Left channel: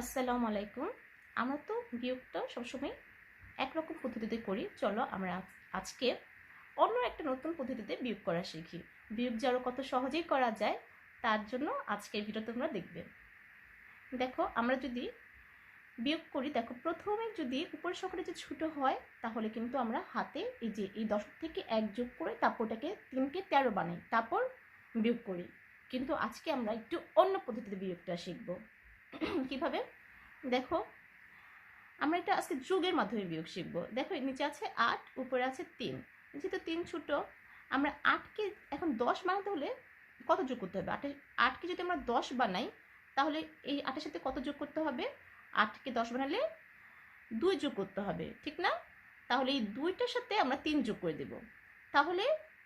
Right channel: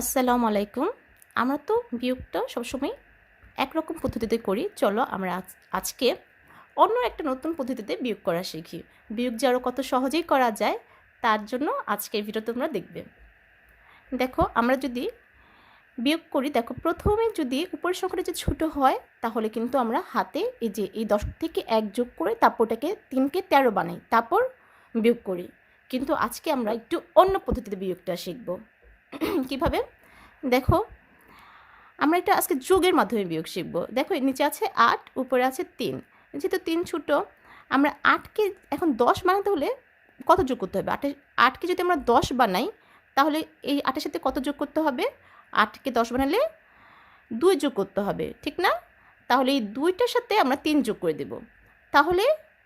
আসসালামু আলাইকুম। আমরা তো বিয়োগটা সবসময় একরকম পদ্ধতিতে করি। চলো আমরা আজ, আজকে অন্য একটা নতুন পদ্ধতিতে বিয়োগ করা শিখি। বিয়োগ যে আরও কত সহজেই করা যায়, তার জন্য আজকের ভিডিও তোমরা দেখবে। দেখো, আমরা যদি বিয়োগ করি, দেখো, প্রথমে যদি উপরের সংখ্যাটা যে ছোটো হয়, তাহলে কিন্তু আমরা হাতে এই যে এই দশ থেকে এক যোগ করে তারপর ওটাকে তিনকে তেরো বানাই, তারপর বিয়োগ করি। কিন্তু আজকে আমরা একটু অন্য পদ্ধতিতে বিয়োগটা শিখব। কীভাবে? দেখো, আমরা এটা আজকে যোগের মাধ্যমে বিয়োগ শিখব। দেখো নিচে আছে আট, উপরে আছে তিন। যেহেতু তিন ছোটো, আমরা আটকে এখন দশ বানাতে হলে কত যোগ করতে হবে? আটে, আটকে যদি আমরা দশ বানাই, তাহলে এই আটের সাথে কত যোগ করতে হবে? আটকে দশ বানালে দুই যোগ করতে হবে, ঠিক না? তাহলে এই দুইটার সাথে আমরা তিন যোগ করে দেব। তাহলে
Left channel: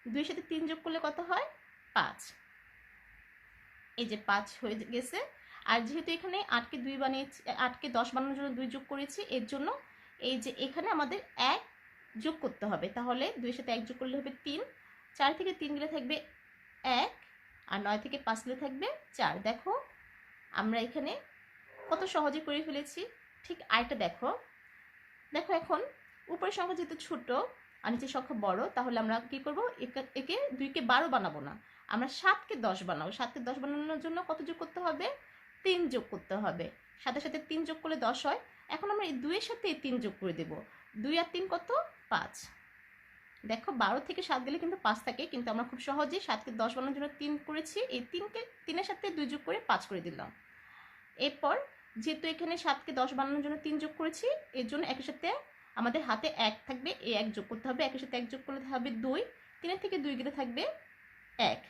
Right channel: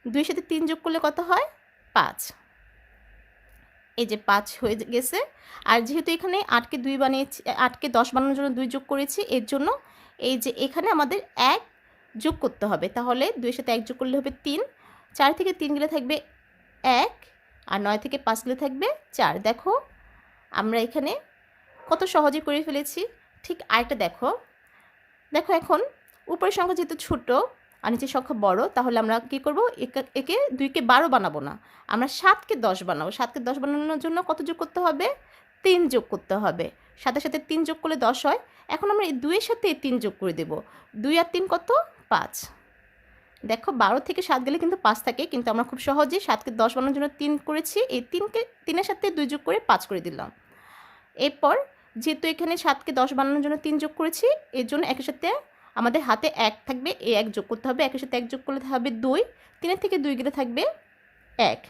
দুইয়ের সাথে তিন যোগ করলে কত হয়? পাঁচ। এই যে পাঁচ হয়ে গেছে। আর যেহেতু এখানে আটকে দুই বানিয়েছি, আটকে দশ বানানোর জন্য দুই যোগ করেছি, এর জন্য এই যে এখানে আমাদের এক যোগ করতে হবে। তাহলে দুইয়ের সাথে এক যোগ করলে হবে তিন। চার থেকে তিন গেলে থাকবে এক, আর নয় থেকে পাঁচ গেলে থাকবে চার। দেখো, আমরা এখানে কত সহজে করে ফেলেছি। ঠিক আরেকটা দেখো। দেখো এখন, উপরের সংখ্যা যেহেতু ছোটো আর নিচের সংখ্যা বড়, তাহলে আমরা কী করব? একে- দুইকে বারো বানাবো না। আমরা সাতকে দশ বানাবো। সাতকে দশ বানানোর জন্য কত যোগ করতে হবে? তিন যোগ করতে হবে। সাথে সাথে তিন যোগ করলে দশ হয়। এখন আমরা এই দুইয়ের সাথে এই তিন যোগ করে দেব। দুই আর তিন কত? পাঁচ। দেখো, বারো থেকে সাত গেলে কিন্তু পাঁচ থাকে, কিন্তু আমরা খুব সহজে সাতকে দশ বানানোর জন্য তিন করেছি। এই তিনকে, তিনের সাথে দুই যোগ করে পাঁচ করে দিলাম। এরপর যেহেতু এখানে সাতকে দশ বানানোর জন্য তিন যোগ করেছি, এর জন্য একের সাথে আমাদের হাতে এক থাকবে এই এক যোগ করতে হবে, একের সাথে এক যোগ করলে হবে দুই, তিনের থেকে দুই গেলে থাকবে এক।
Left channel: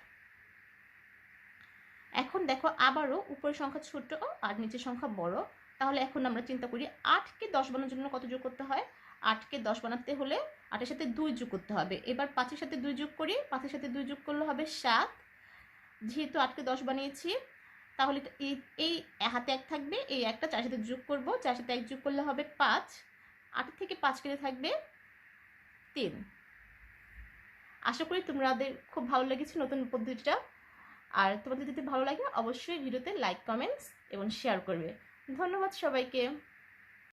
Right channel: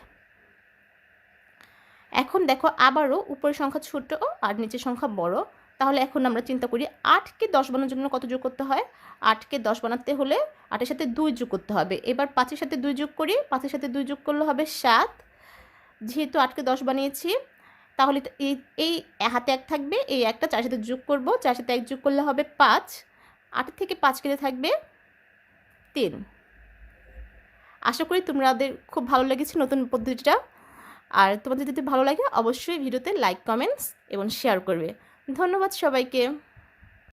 এখন দেখো আবারও উপরের সংখ্যা ছোট আর নিচের সংখ্যা বড়। তাহলে এখন আমরা চিন্তা করি আটকে দশ বানানোর জন্য কত যোগ করতে হয়? আটকে দশ বানাতে হলে আটের সাথে দুই যোগ করতে হবে। এবার পাঁচের সাথে দুই যোগ করি, পাঁচের সাথে দুই যোগ করলে হবে সাত। যেহেতু আটকে দশ বানিয়েছি, তাহলে এই হাতে এক থাকবে, এই একটা চার সাথে যোগ করব চার সাথে এক যোগ করলে হবে পাঁচ। আটের থেকে পাঁচ কেজি থাকবে তিন আশা করি তোমাদের খুব ভালো লেগেছে নতুন পদ্ধতিটা। আর তোমাদের যদি ভালো লাগে, অবশ্যই ভিডিওতে লাইক কমেন্টস এবং শেয়ার করবে। ধন্যবাদ সবাইকে।